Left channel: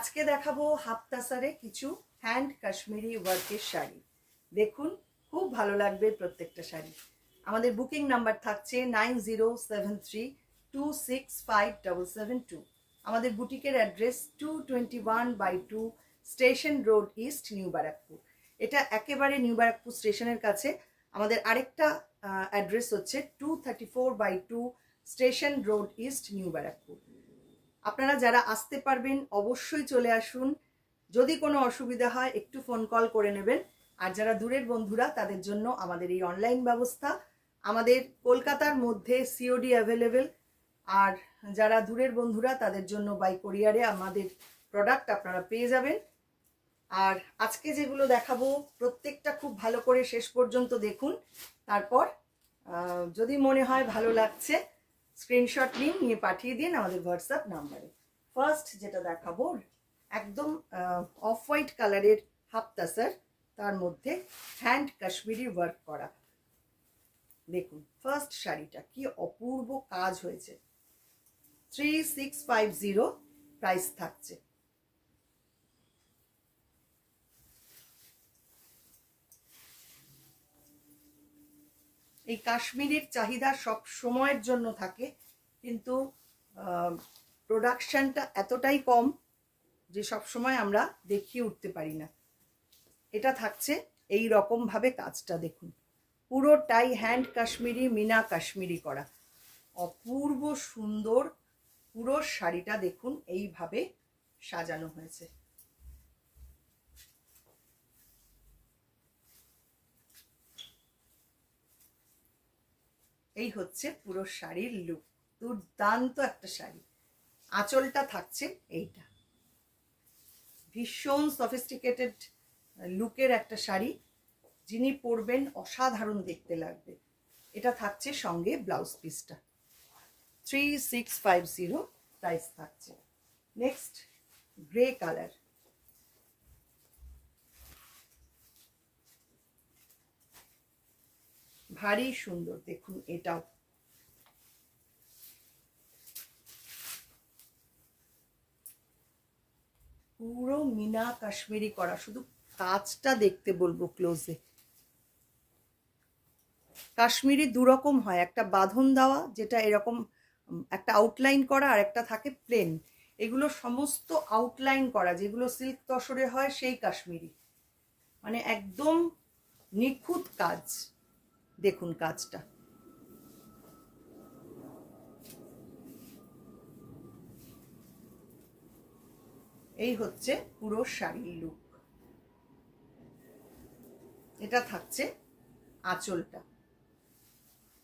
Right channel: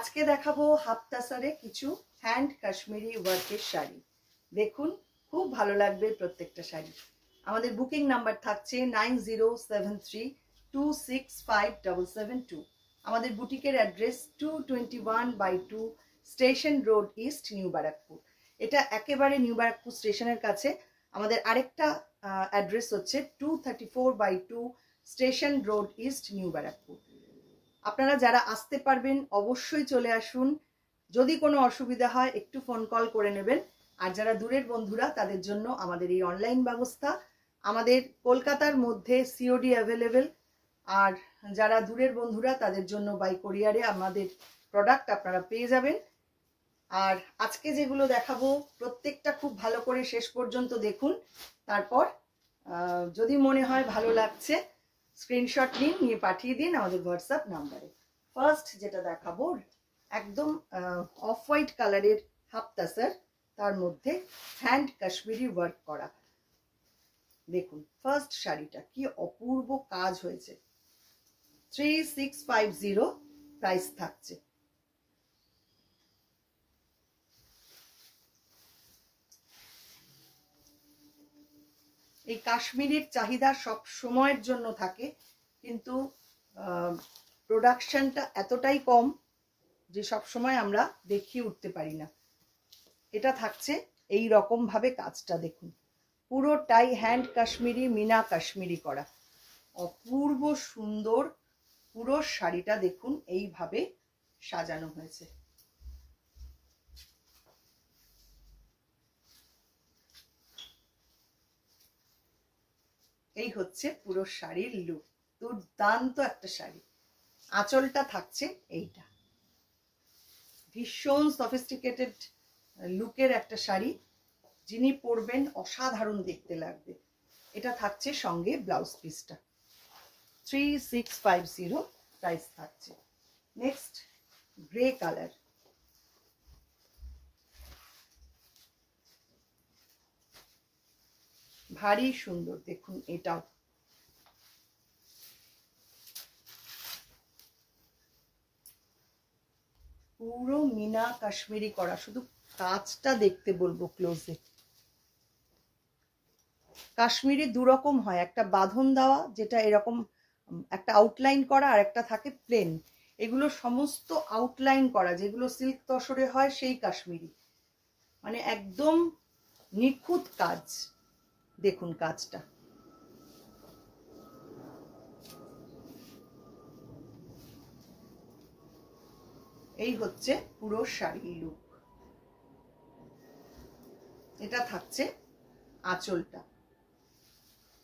আজকে দেখাবো হাফ তাসারে কিছু হ্যান্ড কাশ্মীরি ওয়ার্কের শাড়ি। দেখুন, খুব ভালো লাগবে প্রত্যেকটা শাড়ি। আমাদের বুকিং নাম্বার থাকছে 9073265772। আমাদের বুটিকের address 221/2 station road east, new Barrackpore. এটা একেবারে নিউ ব্যারাকপুর স্টেশনের কাছে। আমাদের আরেকটা অ্যাড্রেস হচ্ছে 234/2 station road east, new Barrackpore. আপনারা যারা আসতে পারবেন অবশ্যই চলে আসুন। যদি কোনো অসুবিধা হয় একটু ফোন কল করে নেবেন। আর যারা দূরের বন্ধুরা তাদের জন্য আমাদের এই অনলাইন ব্যবস্থা। আমাদের কলকাতার মধ্যে সিওডি অ্যাভেলেবেল, আর যারা দূরের বন্ধুরা তাদের জন্য বাই কোরিয়ারে আমাদের প্রোডাক্ট আপনারা পেয়ে যাবেন। আর আজকে যেগুলো দেখাবো প্রত্যেকটা খুব ভালো করে শেষ পর্যন্ত দেখুন। তারপর যদি মনে হয় ভালো লাগছে স্ক্রিনশট নিয়ে পাঠিয়ে দিন আমাদের হোয়াটসঅ্যাপ নাম্বারে। ফার্স্ট যেটা দেখাবো একদম অফ হোয়াইট কালারের হাফ তাসার, তার মধ্যে হ্যান্ড কাশ্মীরি ওয়ার্ক করা। দেখুন ফার্স্ট শাড়িটা কি অপূর্ব কাজ হয়েছে। 3650 প্রাইস থাকছে। এই কাশ্মীরির চাহিদা সব সময়ের জন্য থাকে, কিন্তু প্রোডাকশনটা এতটাই কম যে সব সময় আমরা দেখিয়ে উঠতে পারি না। এটা থাকছে এই রকম ভাবে কাজটা দেখুন, পুরোটাই হ্যান্ড কাশ্মীরি, মিনা কাশ্মীরি করা, অপূর্ব সুন্দর। পুরো শাড়িটা দেখুন এইভাবে সাজানো হয়েছে। এই হচ্ছে পুরো শাড়ির লুক, দুর্দান্ত একটা শাড়ি। আঁচলটা থাকছে এইটা, ভীষণ সফিস্টিকেটেড লুকের একটা শাড়ি। যিনি পরবেন অসাধারণ দেখতে লাগবে। এটা থাকছে সঙ্গে ব্লাউজ পিসটা। 3650 প্রাইস থাকছে। নেক্সট গ্রে কালার, ভারী সুন্দর। দেখুন এটাও পুরো মিনা কাশ্মীরি করা, শুধু কাজটা দেখতে বলবো ক্লোজে। কাশ্মীরি দুরকম হয়, একটা বাঁধন দেওয়া যেটা এরকম একটা আউটলাইন করা, আর একটা থাকে প্লেন। এগুলো সমস্ত আউটলাইন করা, যেগুলো সিল্ক তসরে হয় সেই কাশ্মীরি, মানে একদম নিখুঁত কাজ। দেখুন কাজটা, এই হচ্ছে পুরো শাড়ির লুক। এটা থাকছে আঁচলটা,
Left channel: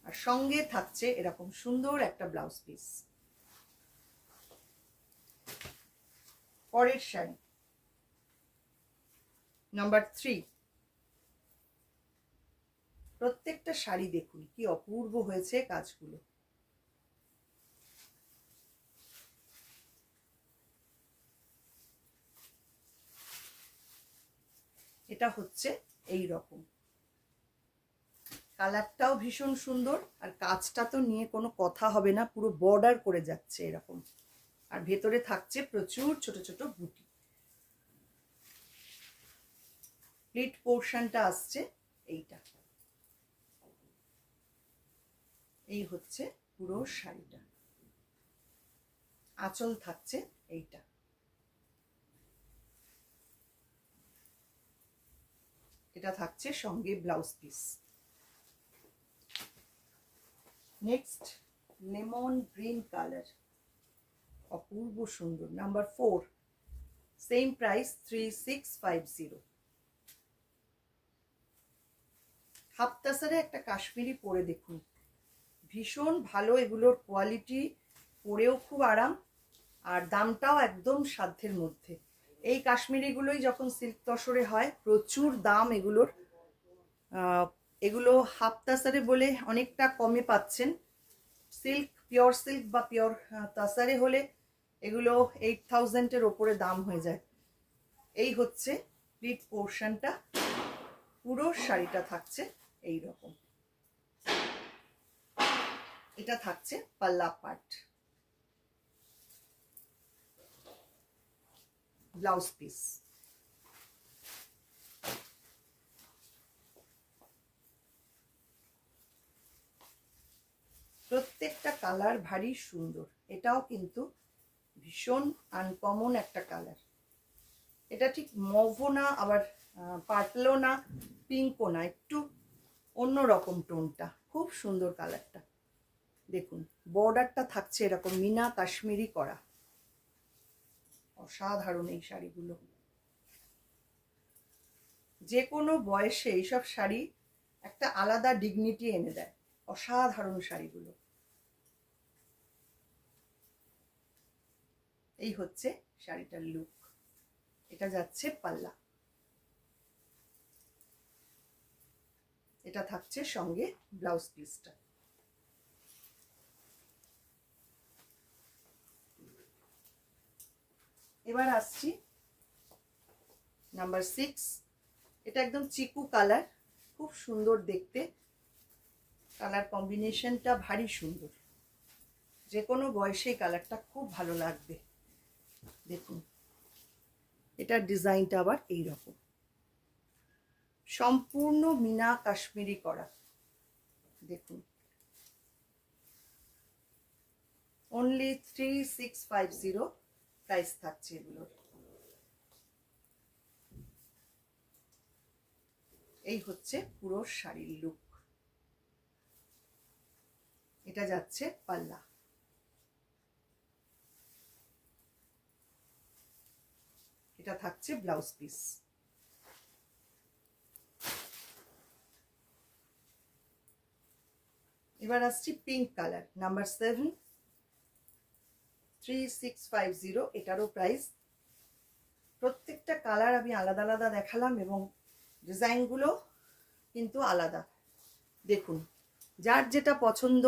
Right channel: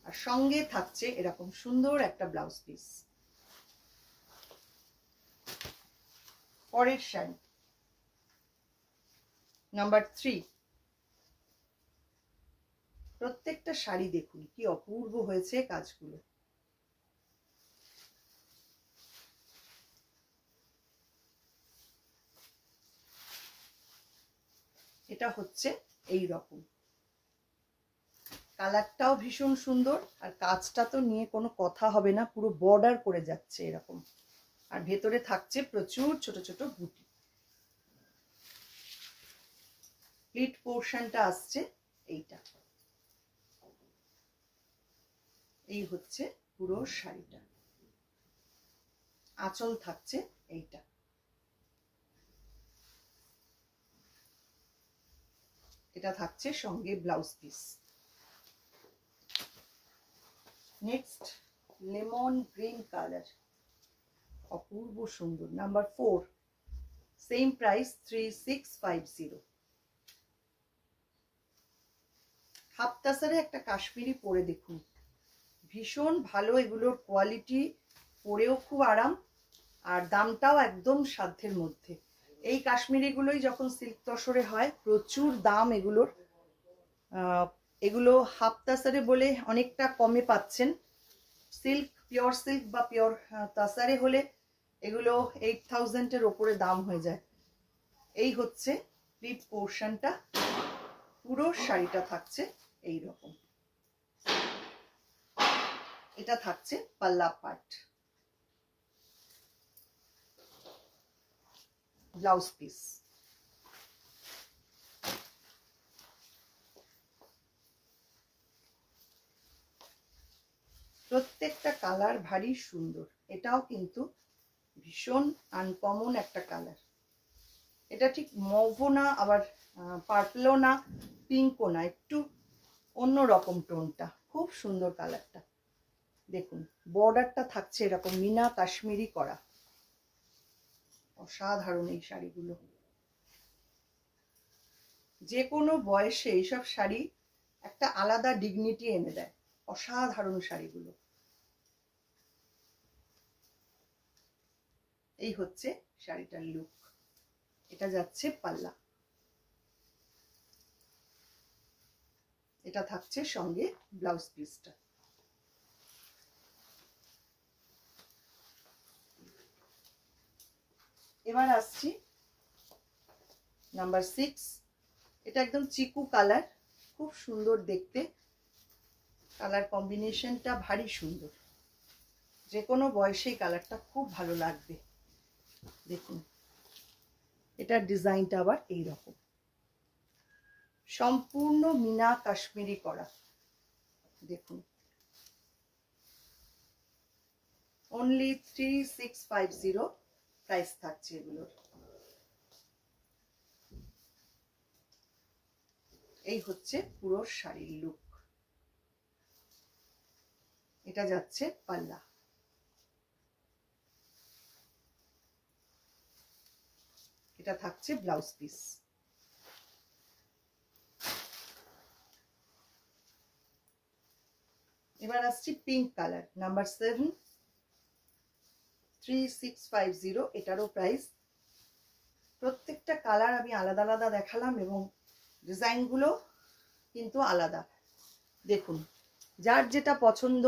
আর সঙ্গে থাকছে এরকম সুন্দর একটা ব্লাউজ পিস। পরের শাড়ি নাম্বার 3। প্রত্যেকটা শাড়ি দেখুন কি অপূর্ব হয়েছে কাজগুলো। এটা হচ্ছে এই রকম, কালারটাও ভীষণ সুন্দর, আর কাজটা তো নিয়ে কোনো কথা হবে না, পুরো বর্ডার করে যাচ্ছে এরকম। আর ভেতরে থাকছে প্রচুর ছোট ছোট বুটি। প্লিট পোর্শনটা আসছে এইটা। এই হচ্ছে পুরো শাড়িটা, আঁচল থাকছে এইটা। এটা থাকছে সঙ্গে blouse piece. Next lemon green colour, অপূর্ব সুন্দর। Number 4, same price 3650। হাফ তাসারে একটা কাশ্মীরি পরে দেখুন, ভীষণ ভালো এগুলোর কোয়ালিটি, পরেও খুব আরাম, আর দামটাও একদম সাধ্যের মধ্যে। এই কাশ্মীরিগুলোই যখন সিল্ক তসরে হয় প্রচুর দাম এগুলোর। এগুলো হাফ তাসারে বলে অনেকটা কমে পাচ্ছেন। সিল্ক, পিওর সিল্ক বা পিওর তাসারে হলে এগুলো 8000-এর ওপরে দাম হয়ে যায়। এই হচ্ছে প্লিট পোর্শনটা, পুরো শাড়িটা থাকছে এই রকম। এটা থাকছে পাল্লা পাট। Blouse piece. প্রত্যেকটা কালার ভারী সুন্দর। এটাও কিন্তু ভীষণ আনকমন একটা কালার। এটা ঠিক মভও না, আবার পার্পলও না, পিঙ্কও না, একটু অন্য রকম টোনটা। খুব সুন্দর কালারটা। দেখুন বর্ডারটা থাকছে এরকম মিনা কাশ্মীরি করা। অসাধারণ এই শাড়িগুলো। যে কোনো বয়সে এইসব শাড়ি একটা আলাদা ডিগনিটি এনে দেয়। অসাধারণ শাড়িগুলো। এই হচ্ছে শাড়িটার লুক। এটা যাচ্ছে পাল্লা। এটা থাকছে সঙ্গে ব্লাউজ পিসটা। এবার আসছি নাম্বার 6। এটা একদম চিকু কালার, খুব সুন্দর দেখতে। কালার কম্বিনেশনটা ভারী সুন্দর। যে কোনো বয়সে কালারটা খুব ভালো লাগবে। দেখুন এটার ডিজাইনটা আবার এইরকম, সম্পূর্ণ মিনা কাশ্মীরি করা। দেখুন অনলি 3650 প্রাইস থাকছে এগুলোর। এই হচ্ছে পুরো শাড়ির লুক। এটা যাচ্ছে পাল্লা। এটা থাকছে ব্লাউজ পিস। এবার আসছি পিঙ্ক কালার, নাম্বার 7, 3650। এটারও প্রাইস। প্রত্যেকটা কালার আমি আলাদা আলাদা দেখালাম এবং ডিজাইনগুলো কিন্তু আলাদা। দেখুন যার যেটা পছন্দ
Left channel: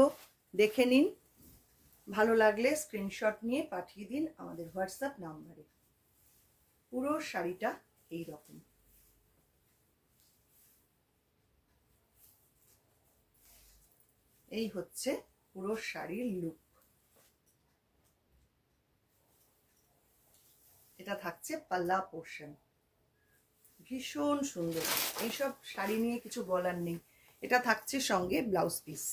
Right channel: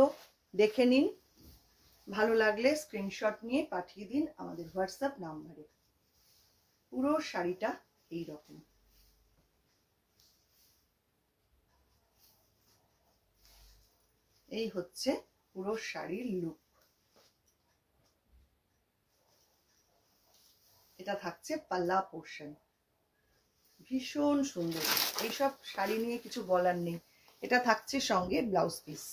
দেখে নিন, ভালো লাগলে স্ক্রিনশট নিয়ে পাঠিয়ে দিন আমাদের হোয়াটসঅ্যাপ নাম্বারে। পুরো শাড়িটা এই রকম। এই হচ্ছে পুরো শাড়ির লুক। এটা থাকছে পাল্লা পোর্শন। ভীষণ সুন্দর। এইসব শাড়ি নিয়ে কিছু বলার নেই। এটা থাকছে সঙ্গে ব্লাউজ পিস।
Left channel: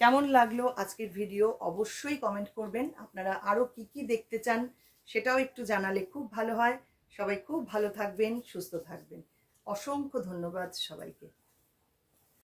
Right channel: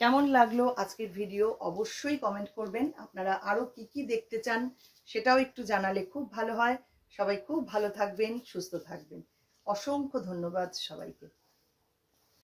কেমন লাগলো আজকের ভিডিও অবশ্যই কমেন্ট করবেন। আপনারা আরো কি কি দেখতে চান সেটাও একটু জানালে খুব ভালো হয়। সবাই খুব ভালো থাকবেন, সুস্থ থাকবেন। অসংখ্য ধন্যবাদ সবাইকে।